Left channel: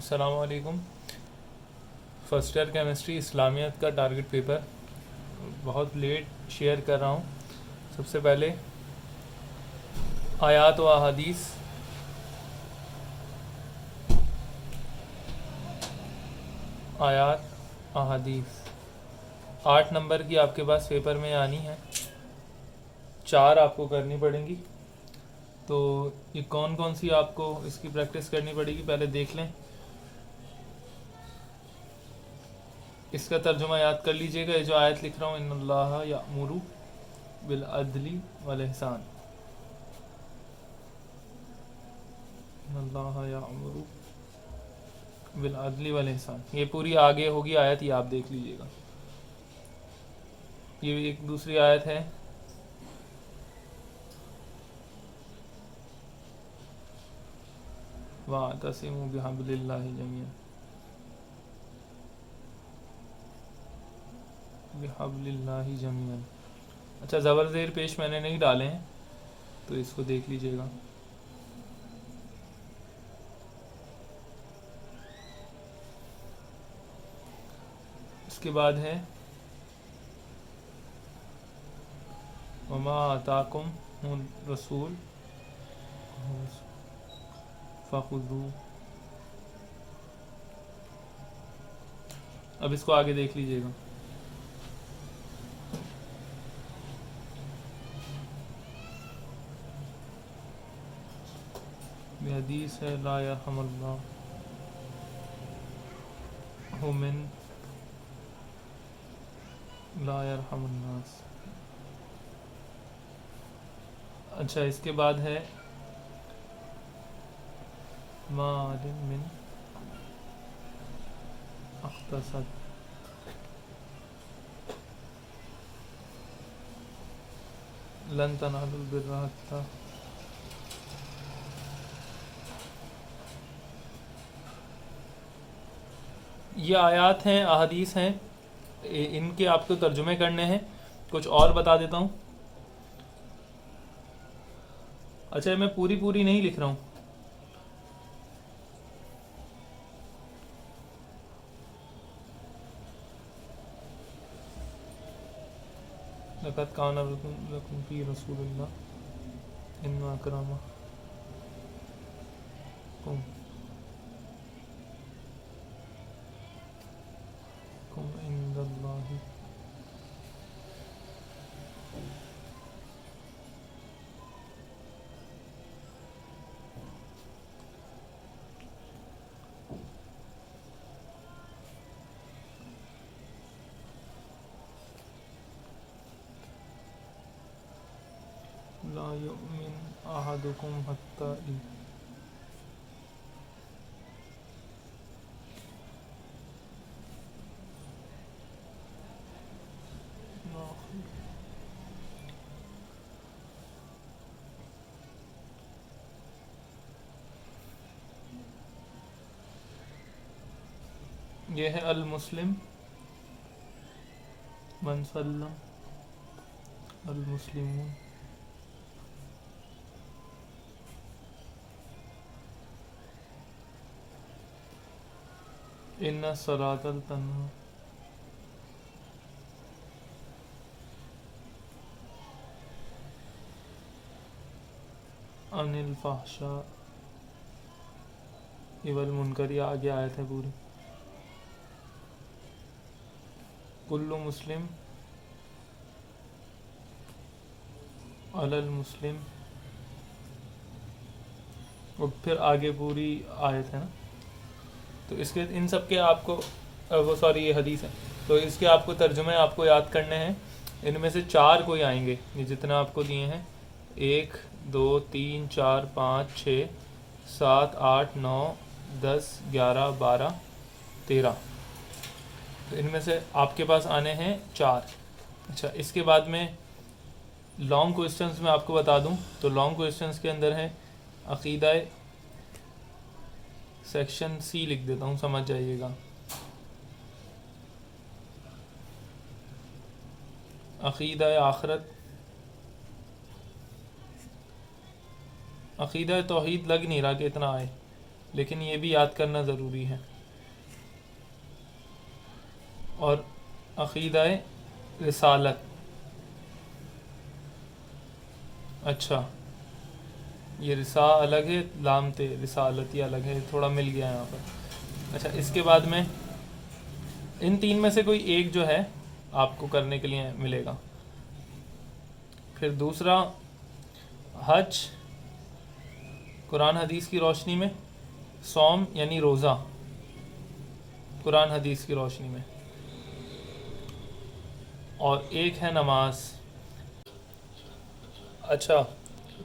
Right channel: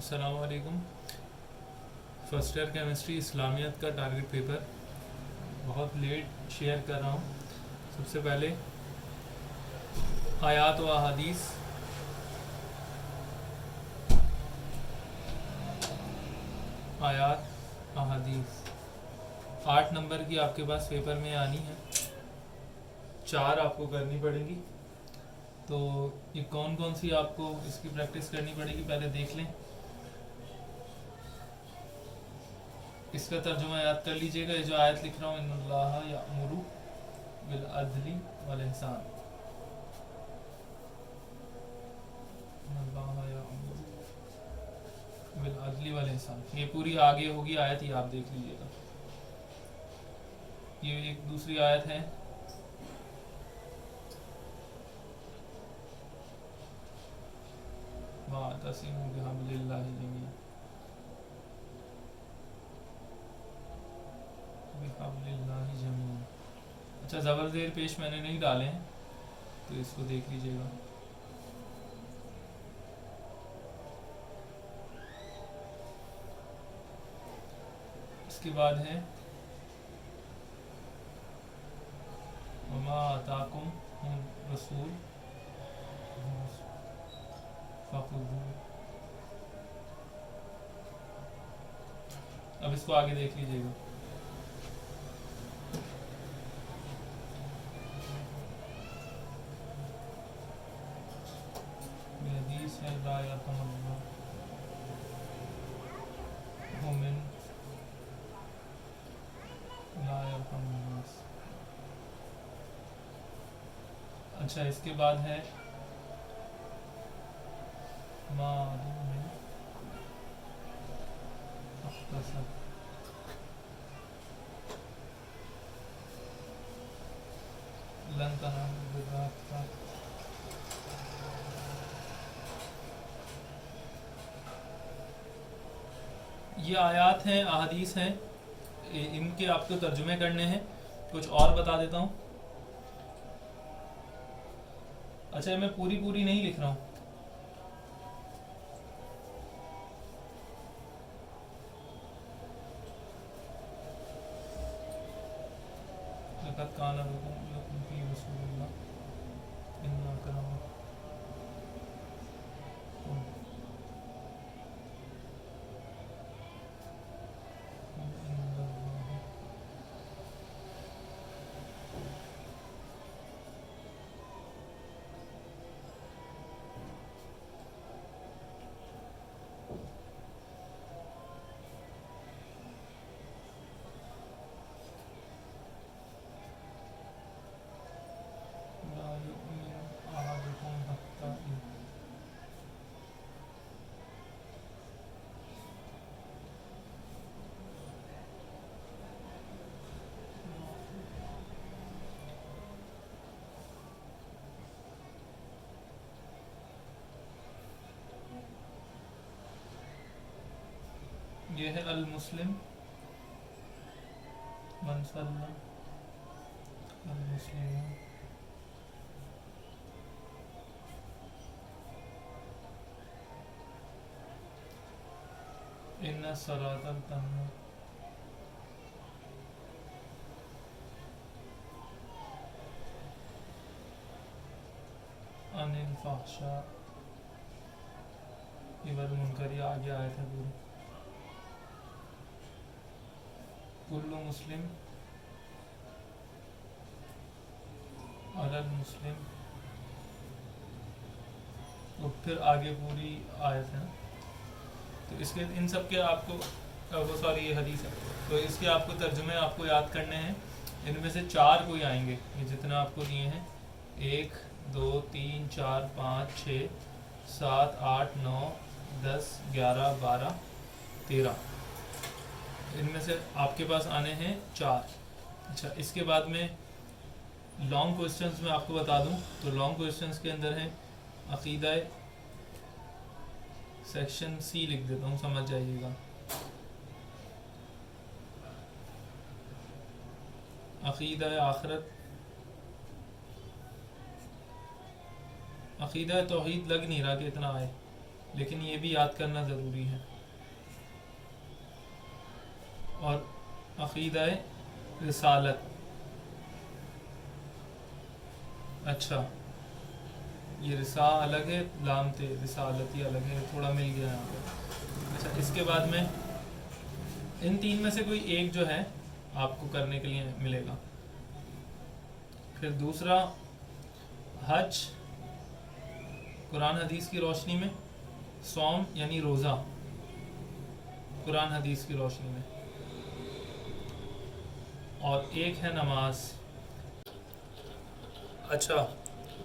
السلام علیکم. First year chemistry اسلامیت کا ٹارگٹ پیپر بہت لیٹ شیئر کر رہا ہوں. سب سے پہلے آیات و احادیث. آیات احادیث 8 نمبر کی آپ کے پاس پیپر میں آنی ہے. 4 آپ کو کرنی پڑیں گی. تو یہ کون کون سی آپ کو اس کی پریکٹس کرنی پڑے گی پہلے دیکھ لیں. اس کا ترجمہ یاد کر لیجئے گا. یہ جو آیت لکھ رہا ہوں، ان اللہ یأمر بالعدل والاحسان. ان اللہ یأمر بالعدل والاحسان، یہ پوری آگے ہوگی آیت، یہ آپ دیکھ لیجئے گا. یہ ایک دوسری آیت ہے. وَاعْتَصِمُوا بِحَبْلِ اللَّهِ جَمِيعًا بِحَبْلِ اللَّهِ جَمِيعًا. اچھا، زبر زیر پیش میں نے نہیں ڈالے ہیں تو اس کو دیکھ لیجئے گا. اس کے بعد ہے وَمَا آتَاكُمُ الرَّسُولُ فَخُذُوهُ. اب اس کو آگے دیکھ لیجئے گا. یہ حدیث ہے لا یرحم اللہ من لا یرحم الناس. اچھا، اس کے بعد ہے مال من اختصد. لن تنالوا البر حتى یہ آیات ہیں، احادیث ہیں، ان کے آپ کو ترجمے کرنے ہیں. کچھ اور بتا دیتا ہوں. اچھا، میں پوری نہیں لکھ رہا ہوں. لقد كان لكم في رسول الله إن أكرمكم عند الله لا يؤمن أحدكم حتى یہ ہے المسلم من سلم المسلمون ان الصلاة تنہی عن الفحشاء والمنکر. یہ آگے آیت ہے پوری. کل مسلم علی المسلم، اور پھر آگے پوری آیت ہے نا. تو اس کے ان سب کے آپ کو وہ سوری یہ حدیث ہے، تو اس کے آپ کو ترجمے آپ کو یاد کرنے ہیں. ان میں سے 4 کوئی آئیں گے، یہ جتنا آپ کو دیے ہیں 1 2 3 4 5 6 7 8 9 10 11 12 13. تو ان میں سے آپ کے پاس آنے ہیں 4. اچھا، اس کے بعد میں لانگ کوئسچنز میں آپ کو بتا دوں تو لانگ کوئسچنز کے اندر ہیں عقیدہ. سیکشن سی لکھ دیتا ہوں، سمجھ جائیے گا. عقیدہ آخرت، عقیدہ توحید لگ نہیں رہا کہ اتنا آئے. لیکن یہ بھی یاد کرنا ضروری ہے. اور عقیدہ رسالت، اچھا یہ رسا الگ ہے، لام تے رسالت یہ الگ ہے، تھوڑا مل گیا یہاں پہ. اچھا اس کے بعد میں ان تین میں سے کوئی ایک جو ہے آپ کو کرنے کے لیے ملے گا. پھر دوسرا حج قرآن حدیث کی روشنی میں، صوم یعنی روزہ قرآن حدیث کی روشنی میں، اور ایک ہے نماز. اچھا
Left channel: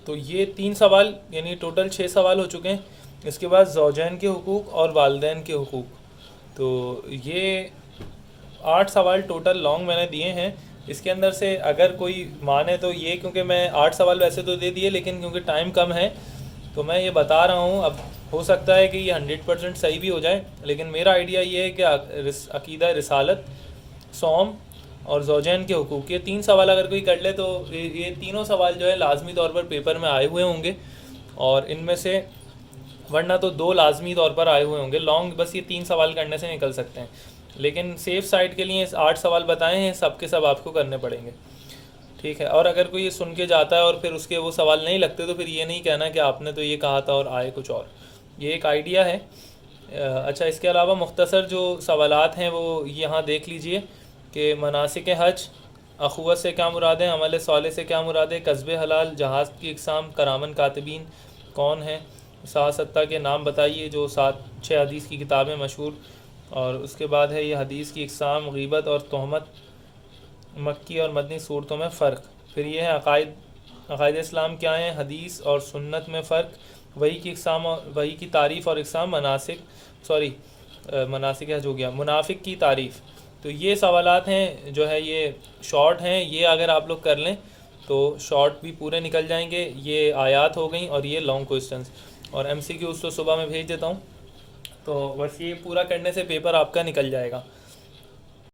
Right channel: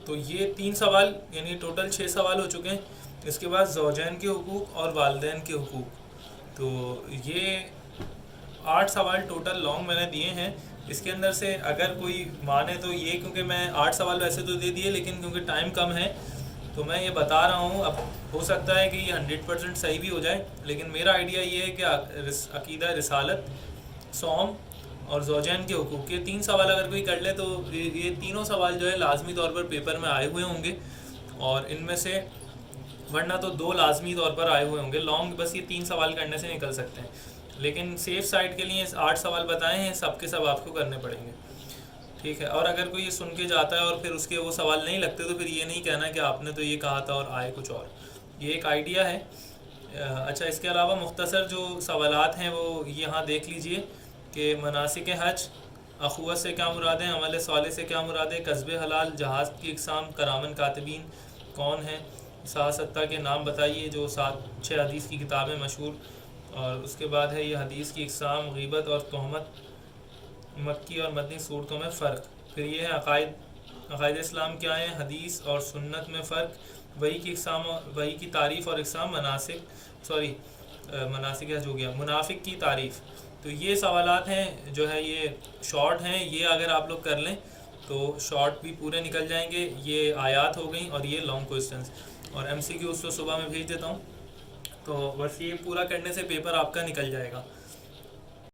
تو یہ 3 سوال یعنی ٹوٹل 6 سوال ہو چکے ہیں. اس کے بعد زوجین کے حقوق اور والدین کے حقوق. تو یہ 8 سوال ٹوٹل لانگ میں نے دیے ہیں. اس کے اندر سے اگر کوئی مانے تو یہ، کیونکہ میں 8 سوال ویسے تو دے دیے لیکن کیونکہ ٹائم کم ہے تو میں یہ بتا رہا ہوں. اب ہو سکتا ہے کہ یہ 100% صحیح بھی ہو جائے، لیکن میرا آئیڈیا یہ ہے کہ عقیدہ رسالت، صوم اور زوجین کے حقوق، یہ 3 سوال اگر کوئی کر لے تو یہ تینوں سوال جو ہے لازمی طور پر پیپر میں آئے ہوئے ہوں گے. اور ان میں سے ورنہ تو 2 لازمی طور پر آئے ہوئے ہوں گے. لانگ بس یہ 3 سوال کرنے سے نکل سکتے ہیں، لیکن سیف سائڈ کے لیے 8 سوال بتائے ہیں، سب کے سب آپ کو کرنے پڑیں گے. ٹھیک ہے. اور اگر کوئی یہ سن کے جاتا ہے اور پھر اس کے وہ سوال نہیں لگتے تو پھر یہ نہیں کہنا کہ آپ نے تو یہ کہا تھا اور آئے کچھ اور. یہ ایک آئیڈیا ہے. اچھا اس کے علاوہ مختصر جو سوالات ہیں وہ یہاں دیکھ لیجئے کہ مناسک حج، اخوت سے کیا مراد ہے، عمل صالح سے کیا مراد ہے، کسب حلال، جہاز کی اقسام، کرامن کاتبین کون ہیں، 7 کے نام بتائیے جو 6 حدیث کی کتابیں مشہور. اور اس کے بعد ہے یہ حدیث کی اقسام، غیبت اور تہمت، مکی اور مدنی صورتوں میں فرق. پھر یہ ہے عقائد اسلام کیا ہیں، حدیث اور سنت میں فرق، وحی کی اقسام، وحی کی تعریف اور اقسام، مناسک حج ہو گیا، منافق کی تعریف. تو یہ سوالات ہیں جو ہے یہ شارٹ ہیں. یہ اگر آپ لوگ کر لیں تو شارٹ بھی پورے نکل جائیں گے. یہ آیات ہو گئیں اور یہ لانگ کوسچنس. اور MCQ اس کو صبح میں بھیج دیتا ہوں. تو بس یہ پورا کرنے سے پیپر آپ کا نکل جائے گا.